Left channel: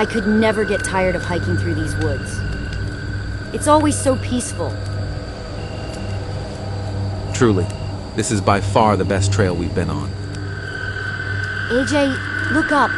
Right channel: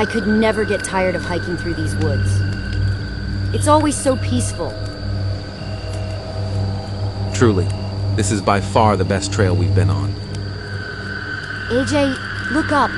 I could never get tired of hiking through these woods. It's always so peaceful. Truly, this is by far the best trail we've been on. AJ, look up.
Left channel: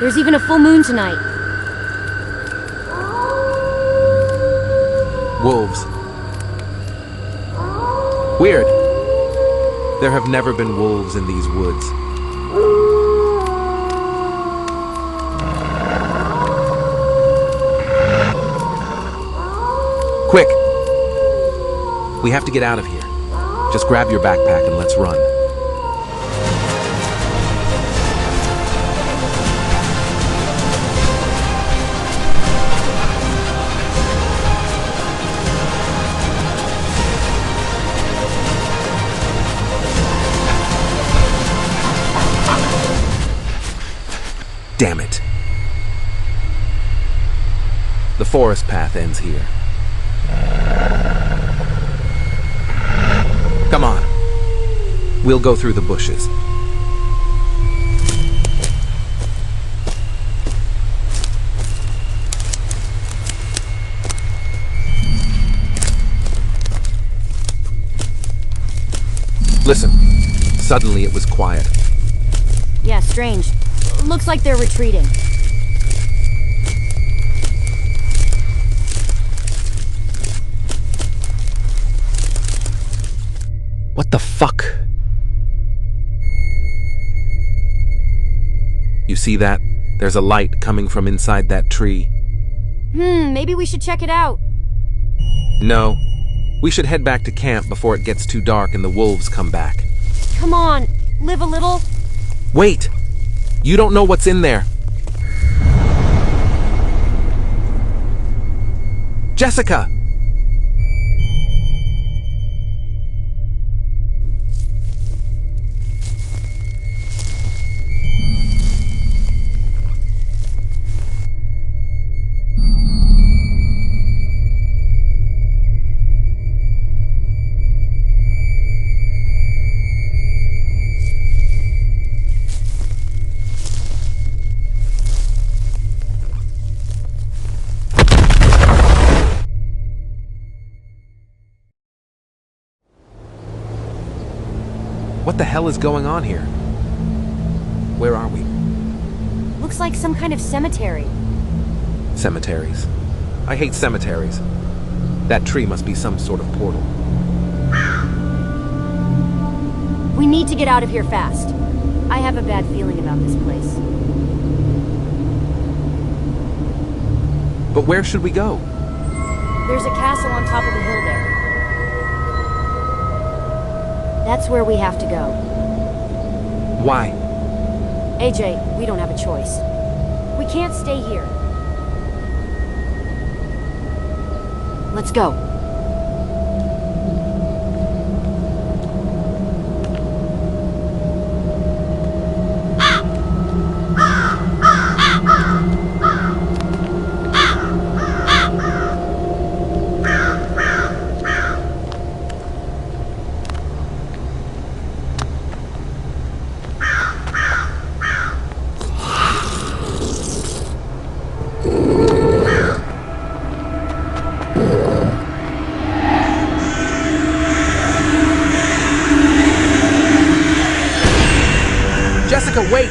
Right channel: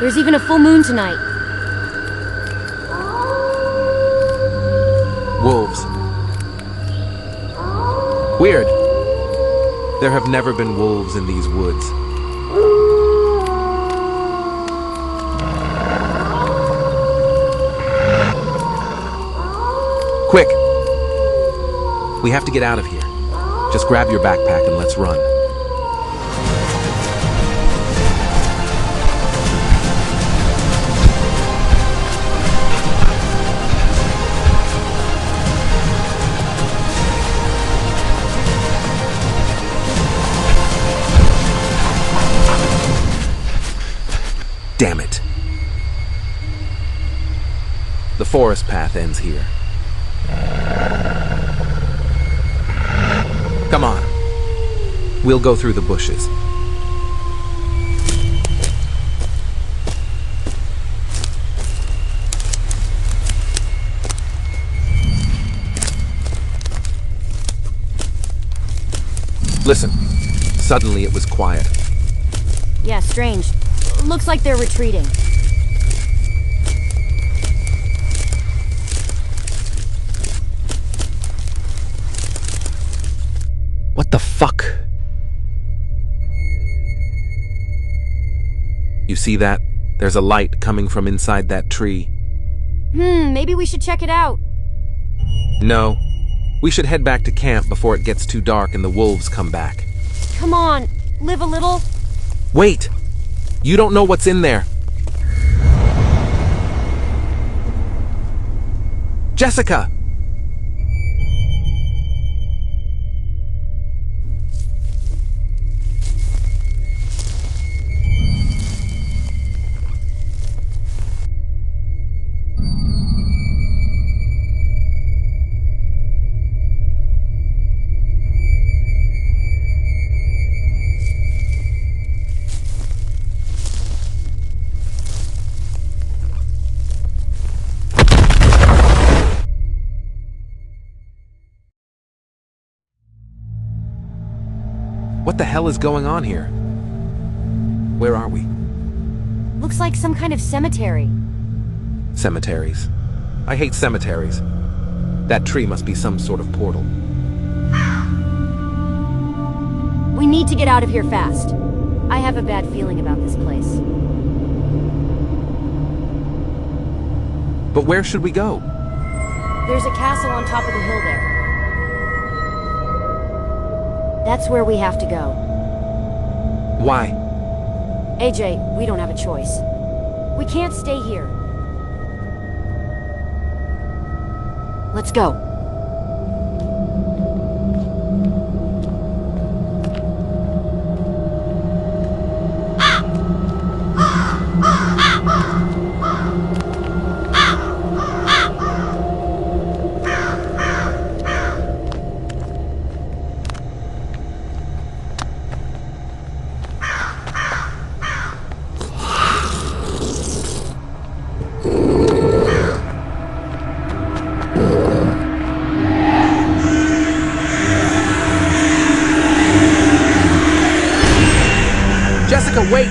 There's even a full moon tonight. Wolves. Weird. There have never been wolves in these woods. Quick! We have to get out of here. Just grab your backpack and let's run. Damn it. The forest path ends here. Come on. We'll go through the bushes. Listen. Suddenly it was quiet. Yeah, strange. Looks like they're retreating. What the fuck? You see that? There's a light coming from inside that tree. Maybe we should check it out. No. We should head back to camp before it gets too dark and the wolves come back. Come on, live a little. Wait! You don't know what's in there. Jessica! What the hell is going on here? Where are we? Looks like some kind of cemetery. Cemeteries. I hate cemeteries. That tree must be some sort of portal. We need to get out of here fast. I have a bad feeling about this place. But where should we go? There's a castle on top of the hill there. That's where we have to go. Why? AJ, we don't have a choice. We can't stay here. Let's go. Jessica, wait!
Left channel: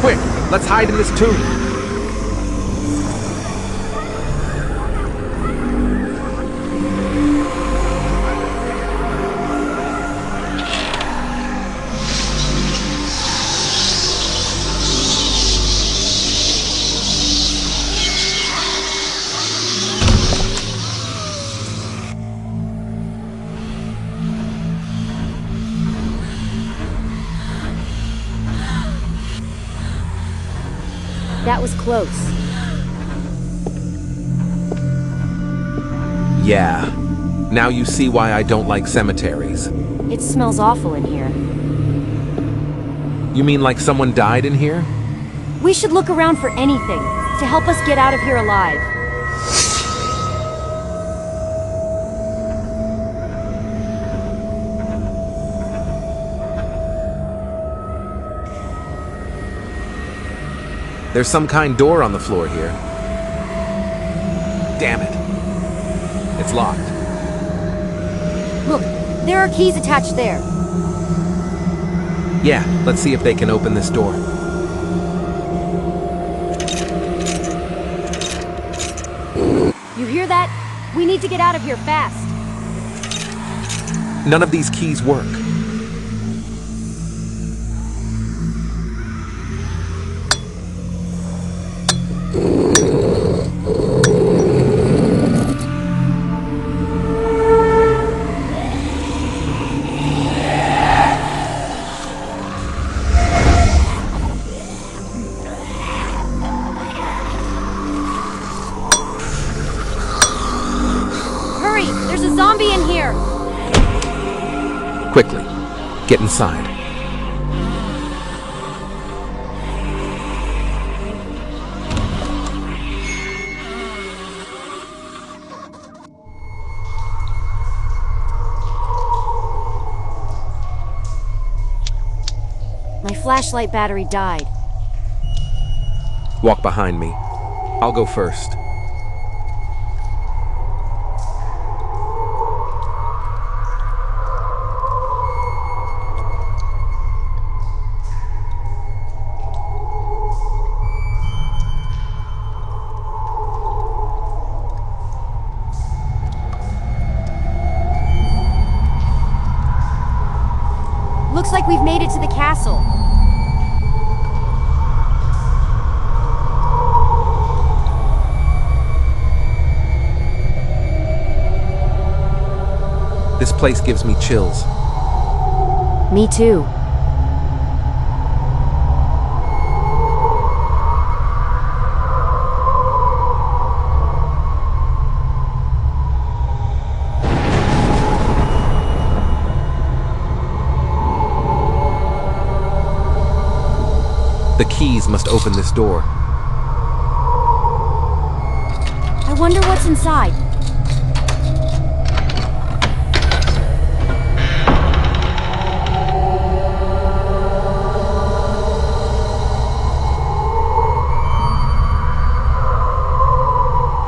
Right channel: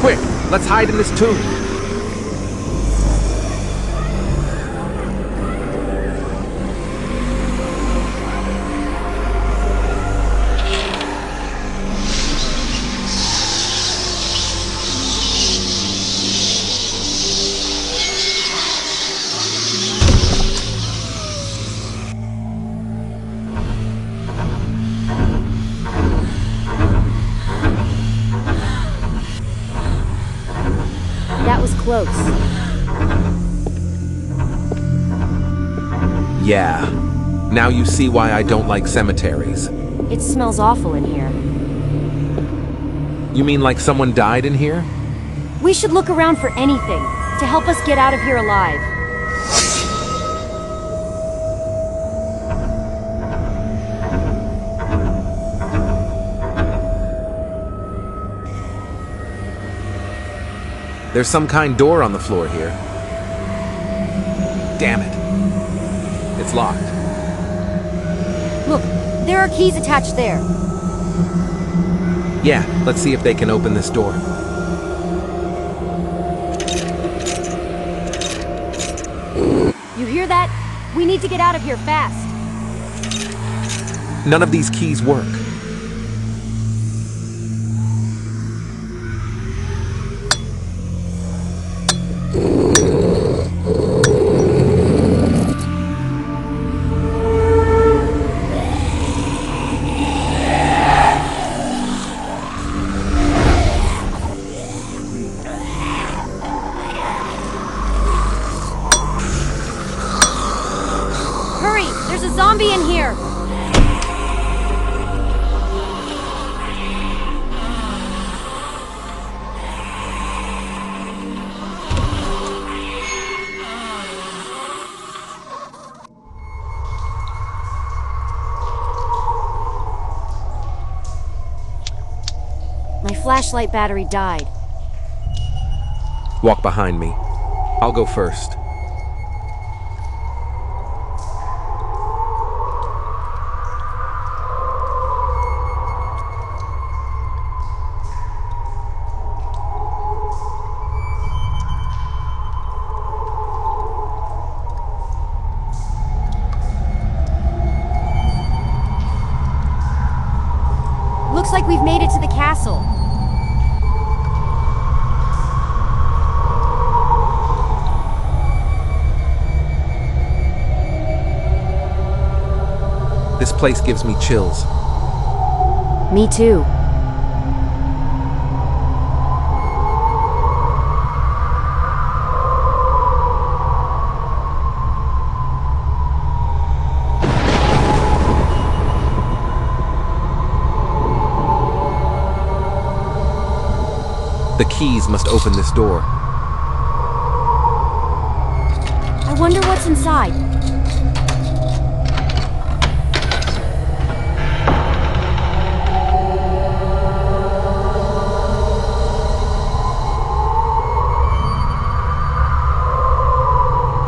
Quick, let's hide in this tomb. That was close. Yeah. Now you see why I don't like cemeteries. It smells awful in here. You mean like someone died in here? We should look around for anything to help us get out of here alive. There's some kind door on the floor here. Damn it. It's locked. Look, there are keys attached there. Yeah, let's see if they can open this door. You hear that? We need to get out of here fast. None of these keys work. Hurry! There's a zombie in here! Quickly, get inside. My flashlight battery died. Walk behind me. I'll go first. Looks like we've made it to the castle. This place gives me chills. Me too. The keys must open this door. I wonder what's inside.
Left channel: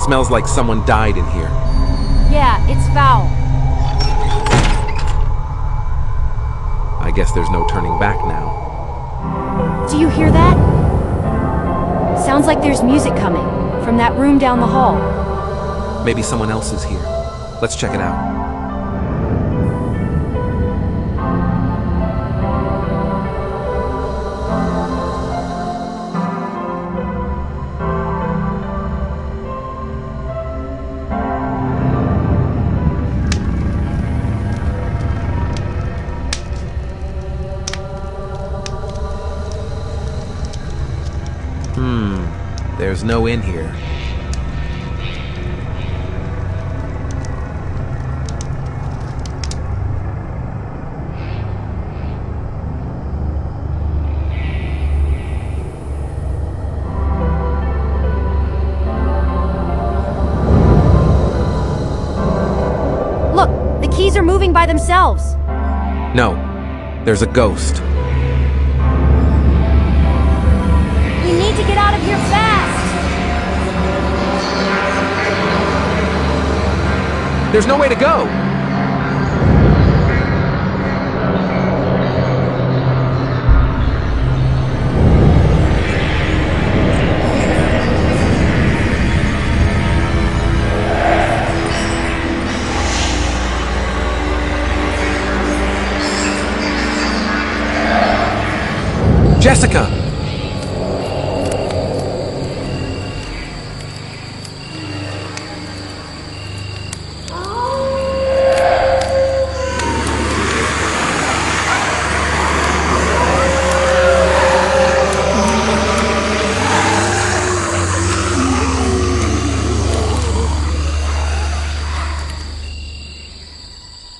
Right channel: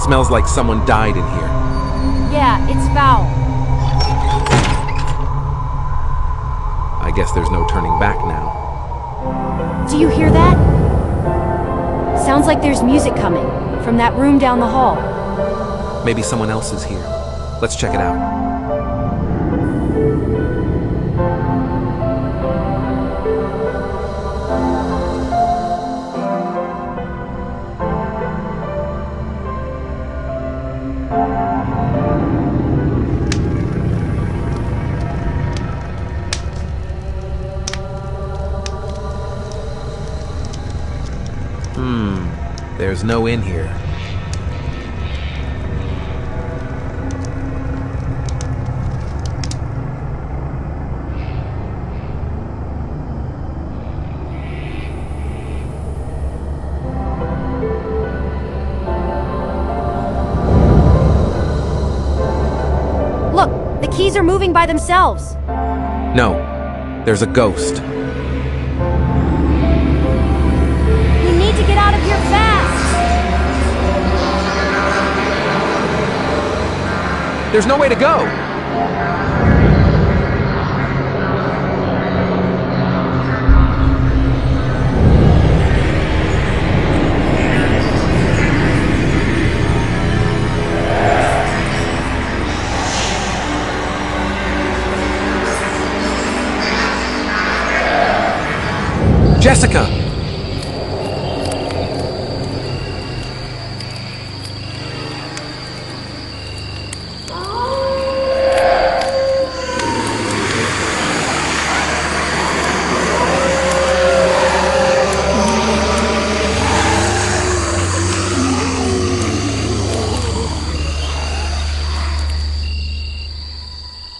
Smells like someone died in here. Yeah, it's foul. I guess there's no turning back now. Do you hear that? Sounds like there's music coming from that room down the hall. Maybe someone else is here. Let's check it out. There's no inn here. Look, the keys are moving by themselves. No, there's a ghost. We need to get out of here fast. There's no way to go! Jessica!